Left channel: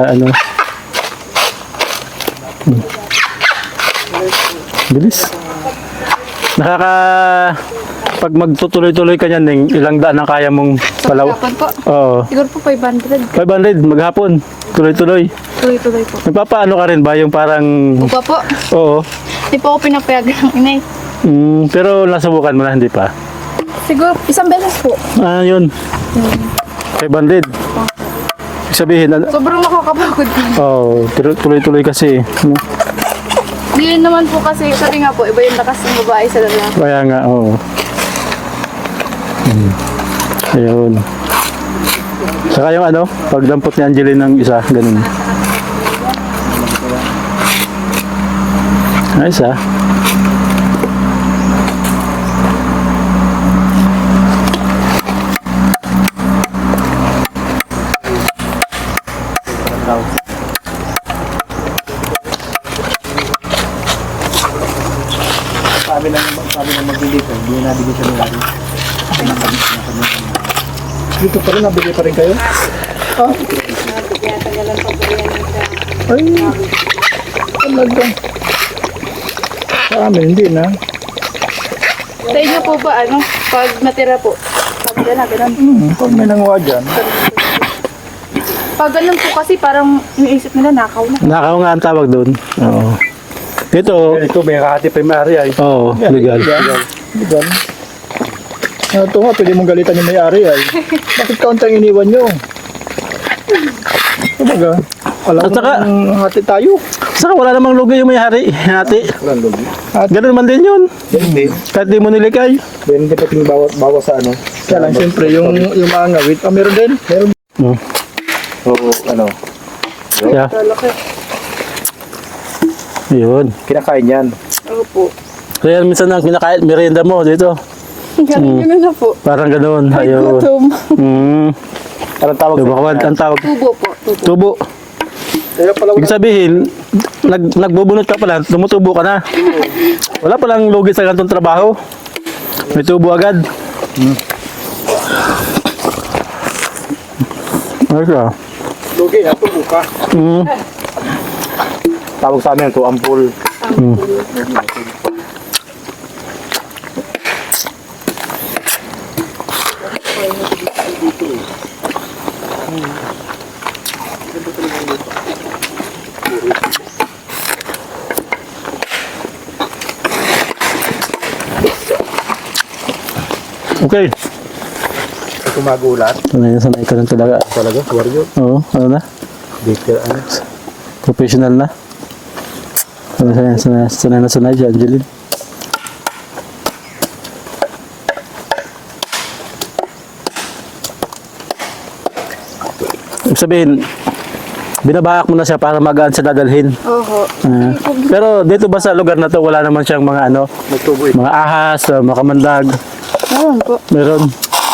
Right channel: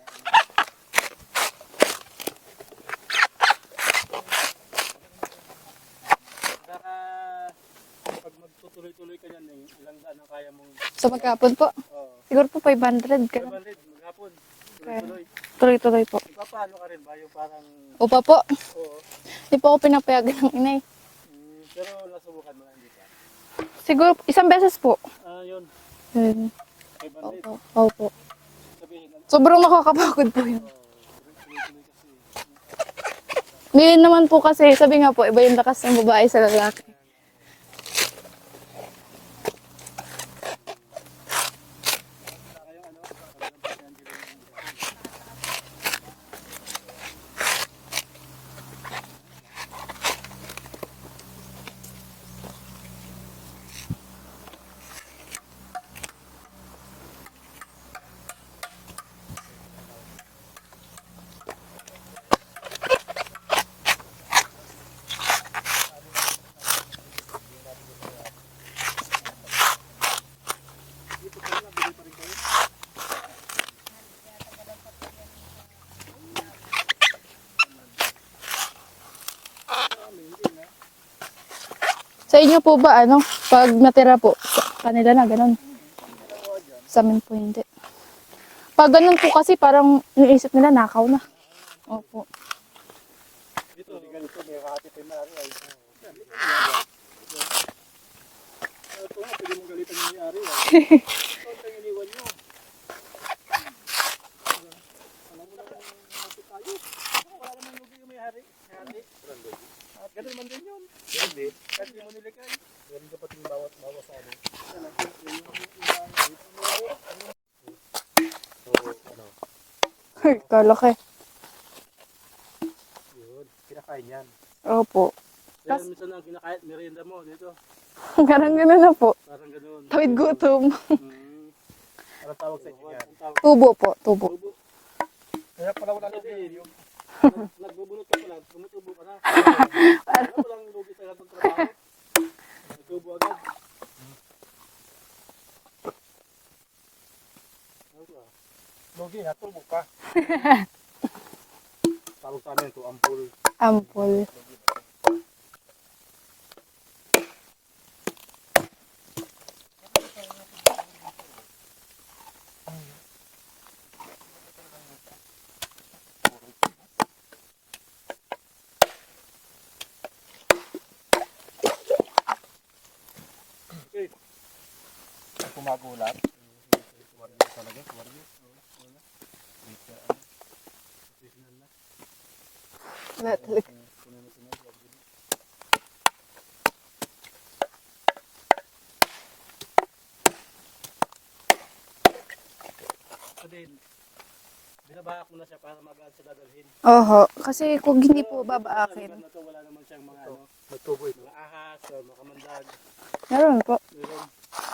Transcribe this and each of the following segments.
Ano? Bilis. Pag magtutuloy-tuloy ka niyan, Ning, ilang daan ang kaya mong palaw? Maghapon po. Oo. Siguro po 500. 500 maghapon. Tuloy-tuloy. Tuloy-tuloy po. Nagpapaano ka rin ba? Yung parang... Upa po. Oo. Hindi po ako pinapayagan ng inay. Pero nasubukan mo na, hindi pa? Siguro isang beses po. Ah, yun. 500. Opo. Sabihin, Sobrang nakakapagod po. tuloy-tuloy kasi. Hindi naman po kasi, sabi nga po, iba yung lakas ng babae sa lalaki. Kaya nga, oo. Ayun. Saka yung ano, pagdampot ni Angeline ng isa, ganun. Ayos ah. Sabi ng magbili ko, hindi na nabili siya ng lari. Dito pala, nabili pa rin kayo? Ay, talaga. Sa amin, hindi na. Sa inyo po ba, ano, pag natira po, kami na lang. Pag may nanguha dyan, Pag ganun po kasi, parang yung isip nila, nakaw na. Nakaw nga ang tawag doon. Oo. Ito, may kakati primary ay. oo, legal. Legal. Ito nga, pwede mong galitan yung may-ari ay. Bakit kauntang iniwan nyo? Kumbaga, alam At saka- mo hati tayo. Saka wala namang lugi yung may-hari. Hati. Walang logi. Ganun man din yun. Hindi. Kahit di mo nilikay. Hindi pa ting bawas sa ano. Kaya lang, siyempre, yung mga ngawit, meron din. Meron. Oo. So, ano, Yeah. Laki. Yun. kinakain yan. Opo. Kaya minsan ang kinakain, merienda mo dito. Ganun na po. Parang ganun. Ay, Ayun. gutom. Anong tawag Diba, ang tawag? Tubo po. Tubo. Tubo. Kaya pala Ibig sabihin, nagbubunot ka pala, tumutubo ka na. Wala palang lugi sa ganitong trabaho. May tubo agad. Ayos ah. lugi, tubo ka. Tawag sa amin ito, ampul. Ampul. Okay. Ito magulat. Sanay ka lang talaga. Talaga, warrior. Oo, ano na? Dito, ano. Professional na. Sanay na sanay si Angeline. Ibig sabihin, binabahak mo na siya para magaan sa dadalhin. Oho. Kasi kung Pero dito ba sa lugar na to wala naman siyang mga ano, May tubo eh. mga ahas, mga kamandag. meron po. Meron.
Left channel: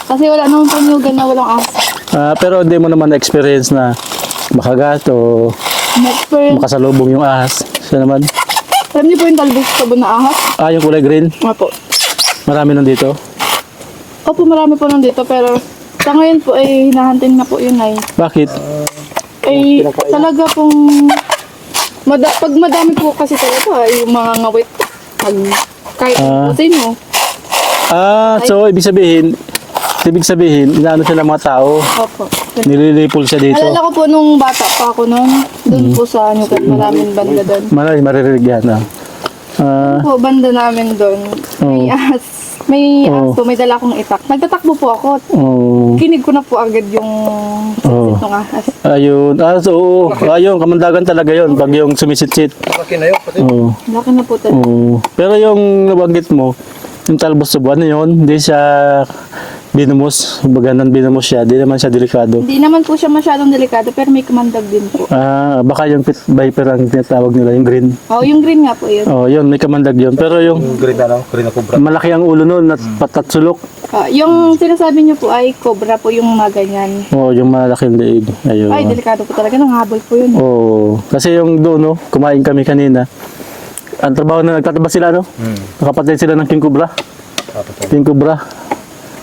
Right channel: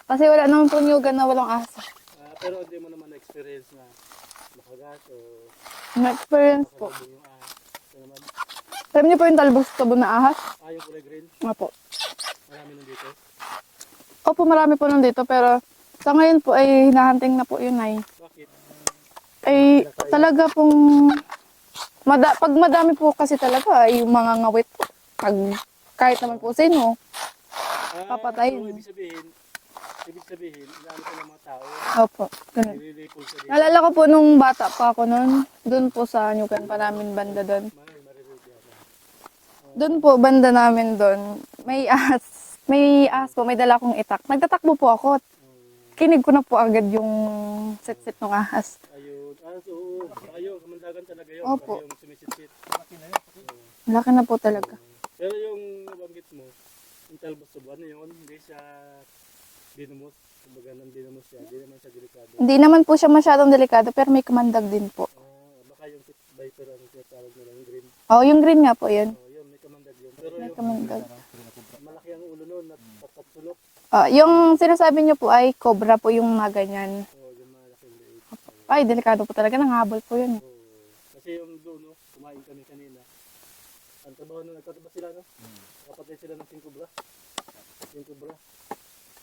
Kasi wala naman po nyugan na walang asa. Pero hindi mo naman na-experience na makagat o Na-experience. makasalubong yung ahas. Siya naman. Alam niyo po yung talbos sabon na ahas? Yung kulay green. Opo. Marami nandito. Opo, marami po nandito pero sa ngayon po ay hinahunting na po yun ay. Bakit? Eh, talaga pong pag madami po kasi talaga yung mga ngawit. Kahit Ah. po sino. So ibig sabihin, inaano siya ng mga tao. Opo. Nililipol siya dito. Alala ko po nung bata pa ako noon, doon po sa Nyugan, maraming banda doon. Maririnig yan. Po, banda namin doon. May ahas. May ahas Oh. po, may dala akong itak. Nagtatakbo po ako. Kinig ko na po agad yung Oh. ng ahas. Ayun. Oo. Ayun, kamandagan talaga yun. Pag yung sumisit-sit. Laki na yun. Kasi Oo. Laki na po talaga. Oo. Pero yung nabanggit mo, yung talbos sa buwan na yun, hindi siya binumos. Baga binumos siya, di naman siya delikado. Hindi naman po siya masyadong delikado, pero may kamandag din po. Baka yung pit viper ang tinatawag nila, yung green. Oh, yung green nga po yun. Yun, may kamandag yun. Pero yung green na kubra. malaki ang ulo nun at patatsulok. Yung sinasabi niyo po ay cobra po yung mga ganyan. Yung malaking leeg. Ayun. Ay, delikado po talaga. Nanghabol po yun. Kasi yung doon, kumain kami kanina. Ang trabaho na nagtataba sila, nakapatid sila ng king cobra. King cobra.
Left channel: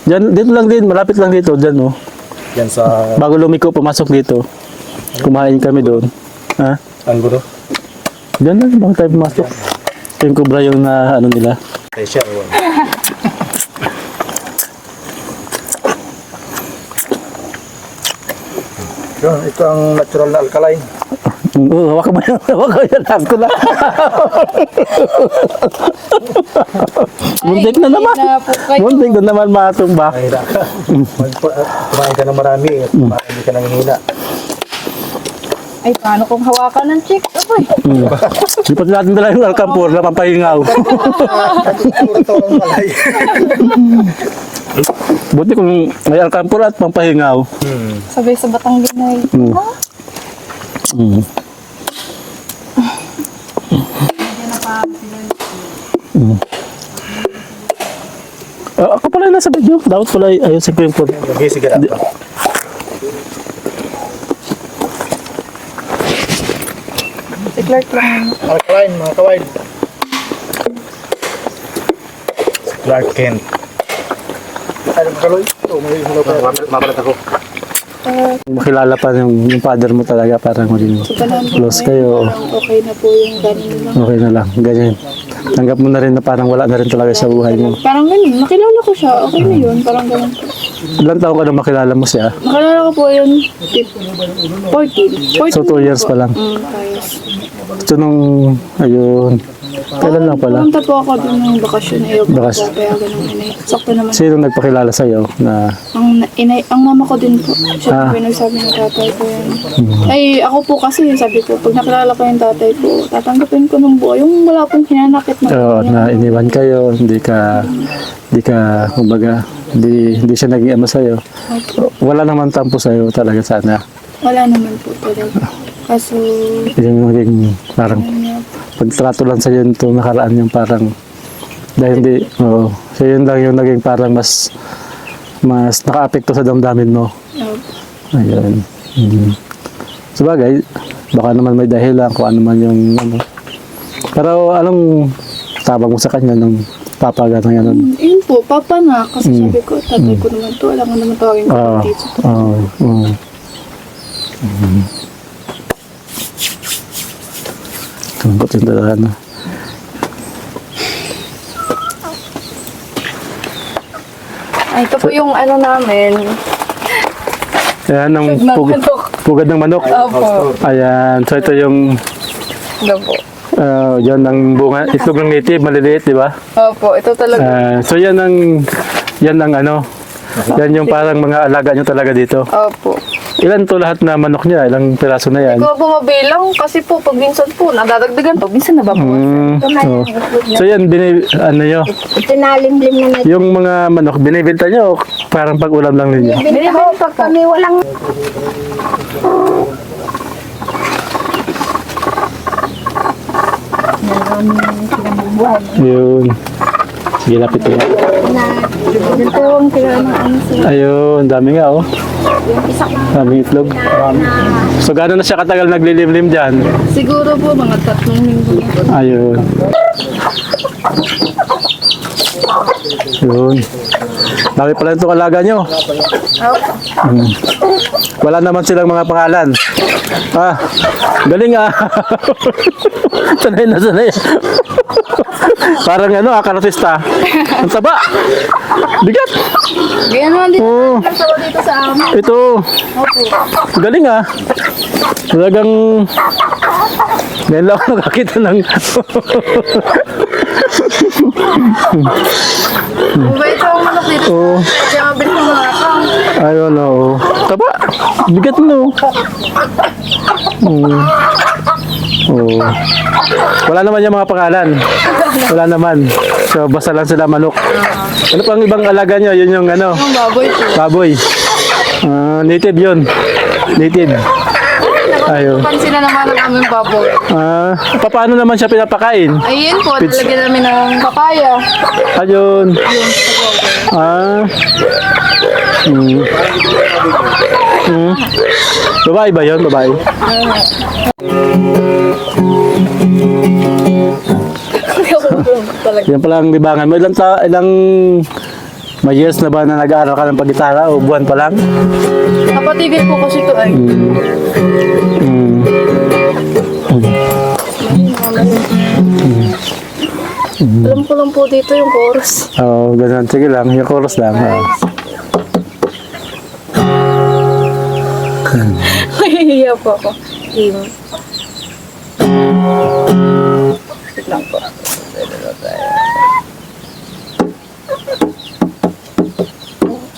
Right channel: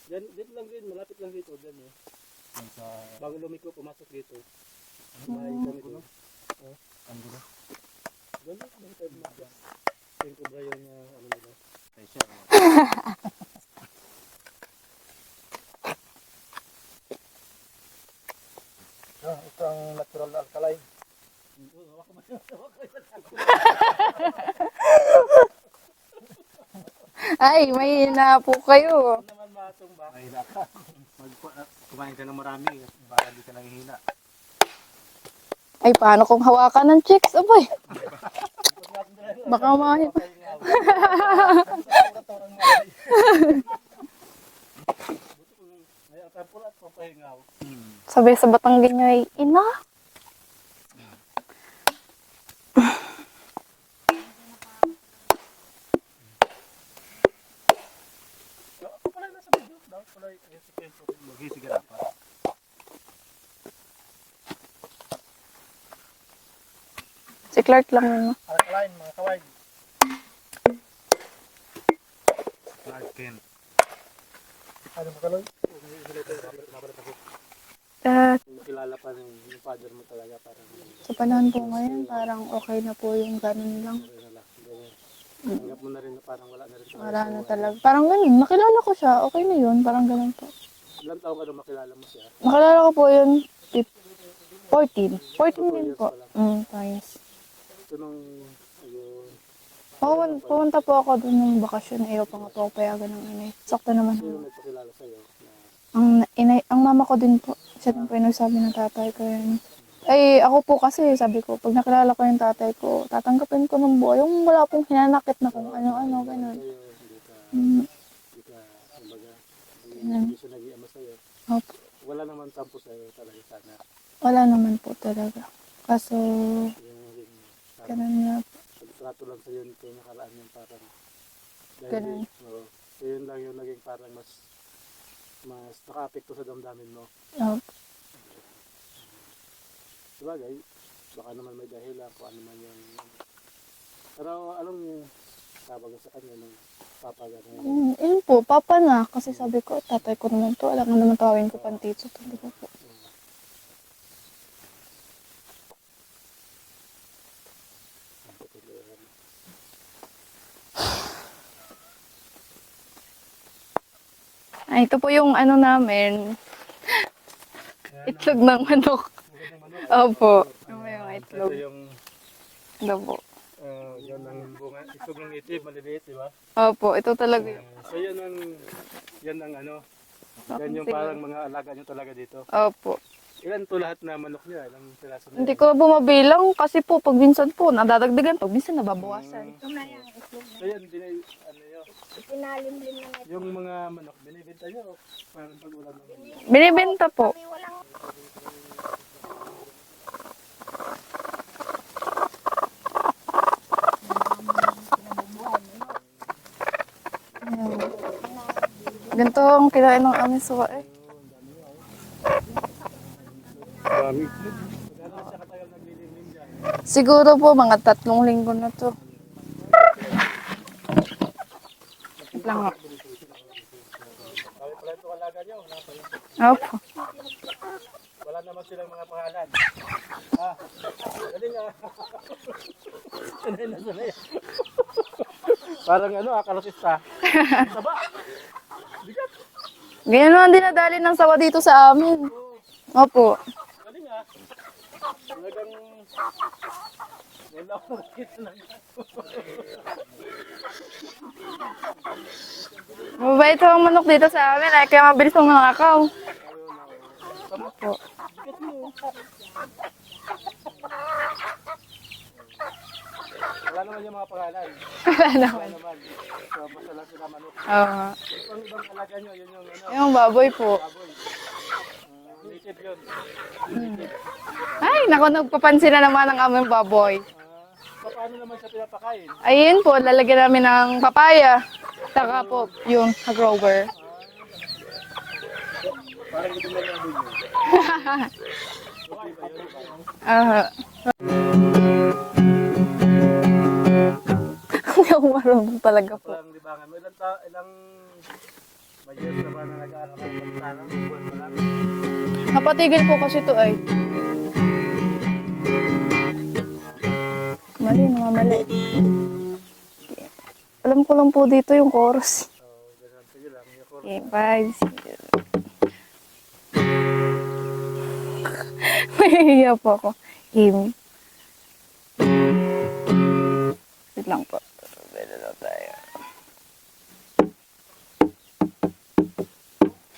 Dito lang din, malapit lang dito, dyan, Yan sa bago lumiko, pumasok dito. Kumain kami doon. Ha? Ang gulo. Diyan na, bakit tayo pumasok? King Cobra yung na ano nila. Siya. Yun, ito ang natural na alkaline. Oo, hawak mo yan. Hawak mo yan. Hawak ko na. Ay, Muntik na may naman. na po kayo. Muntik na naman matumba. Mahina ka. Kumain ka ng marami. Marami ka nang hina. Ay, paano kung hawakan ng chicks? Abay. Lipat natin dala yung alkampur na pampahingaw. Ito ang alay. Buti kung may alkampur at pampahingaw. Sabay sa batang bingay. Mm. Mm. Ako pala yung nasa video. Dapat pala ayun sa King Cobra. Okay, sige na. Si Clark lang. Alkaline, mga kawain. Clark Kent. Ay, kaloy. Ito, may hulaw pa. Mapalat ako. Makilala pa yung father mo talaga, parang maging close kayo. Parang okay na po yung ganun nila. Okay na lang, ganyan. Tanggap mo na rin na parang wala na rin talaga sa buhay mo. Parang ganun. Nakilala ko siya. Okay na yun. Parang ganun. Ilang taon ka na makilala mo siya? Nakilala ko po yun. 14. So 2 years pa lang. So nung, ayun, kailan lang pala? Pumunta po ako doon ng bakasyon. Ayaw po Bakas- po. Kaya ganun inay. Sakto naman. Sino nagpakilala sa'yo na, Ang mama ko din po. Siya po nagsabi ng tatay ko yan. Ay, ako po kasi, sabi ko, pag nakilala ko yung tatay ko, tatanggapin ko ng buo. Yung wala pong hinanakit na iniwan kayo, hindi ka, kumbaga, hindi siya naging ama sa'yo. Wala naman tampo sa'yo talaga sana. Wala naman po talaga. Kaso, Yung naging parang pagtrato lang sa'yo itong nakaraan yung parang, dahil hindi, oo. So yun lang yung naging parang mas naka-apekto sa damdamin mo. Ayun. Sabagay, baka naman may dahilan kung ano man yung ano. Pero anong tabang mo sa kanya nung papaga na yan? yun po, papa na. Kasi sabi ko, tatay ko naman to. Alam mo naman tawagin ko Oo. dito. Oo. Lambot yung dala, ano. Ay, ito po yung ano namin. Ayan, ang Ng pugad, manok. pugad ng manok. Opo. Ayan, so ito yung, Ito po. yan ang bunga, itlog ng native, maliliit, di ba? Opo, ito talaga. So yan ang ano, yan yung parang mga alaga nyo talaga dito. Opo. Ilan to lahat na manok niya? Ilang piraso na yan? Hindi ko bumabilang kasi po, pag minsan po, nadadagdagan po. Minsan nababawasan. Oo. So yan, ano nyo, Tinalimlim na natin. yung mga manok, binibenta nyo, parang pag-ulam lang ninyo. Binibenta po. Kami walang Yun. Sige, lapit ko. Ganito ang kailangan ng ano sila. Ayun, dami nga oh. Daming itlog. So gano'n na siya katagal naglilimlim dyan? Siguro po, mga 3 linggo na po. Ayun. Yun. Dami pala itong alaga nyo. Wala naman silang mga pangalan. Ah, galing ah. Sanay na sanay. Parang ano, karatista. Ang taba. Bigat. Kaya naman din na lang sa dito sa amin. Ito. Opo. Galing ah. Talagang ngayon lang ako nakakita ng Mabait yung manok dito sa amin. Kaya mabilis ng mga account. ayun oh. Taba. Bigat no. Oh. Wala naman yung mga pangalan. Wala naman. So basta lang sila manok. Ano pang ibang alaga nyo? Yun yung ano, Ang baboy po. baboy. Native yun. Native. Ayun. Napansin na naman ang aming baboy. Paano naman siya pinapakain? Ayun po, nalagyan namin ng papaya. Ayun. Babae ba yun? Babae? Talaga. Yan pala ang libangan mo. Ilang May years na ba na nag-aaral ka ng pag-gitara o buwan pa lang? Napatigil po kasi ito ay. Alam ko lang po dito yung chorus. Oo, ganun. Sige lang, yung chorus lang. Mahihiya po ako. Wait lang po.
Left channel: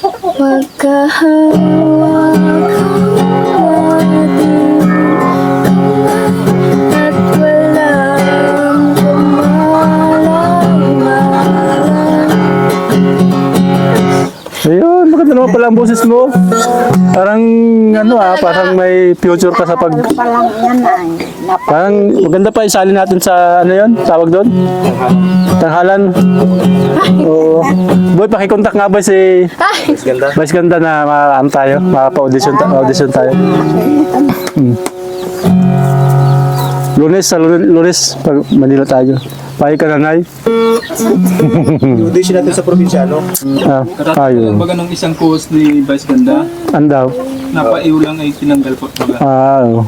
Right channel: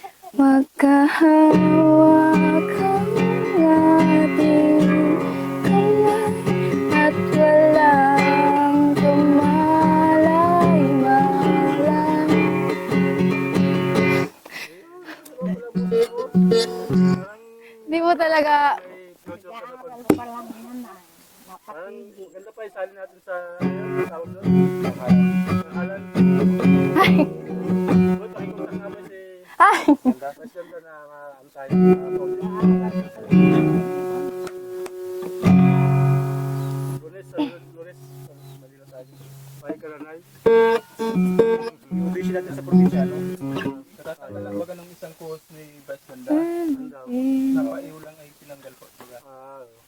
At walang Ayun, maganda naman pala ang boses mo. Parang, parang may future ka sa pag... Palang yan ay. Parang maganda pa isali natin sa, tawag doon? Tanghalan. Oo. Boy, pakikontak nga ba si Vice Ganda na tayo, mapa-audition tayo. Lunes, pag Manila tayo. Pahay ka na, Nay. Audition natin sa probinsyano. Ayun. Baga nung isang post ni Vice Ganda, Andaw. napaiw lang ay tinanggal po. Baga. Oo.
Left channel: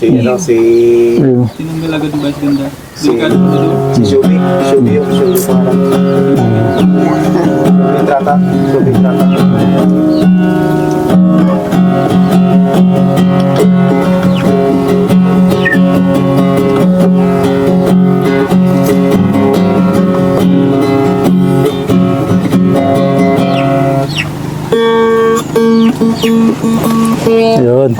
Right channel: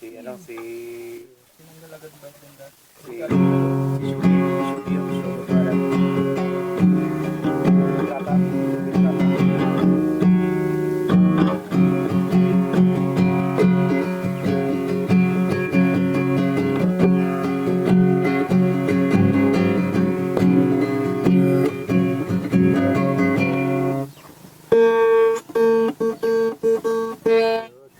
Ayun. Tinanggal agad ni Vice Ganda. Delikado po doon. Si Julie yung pangalan. Julie Trata. Ayun.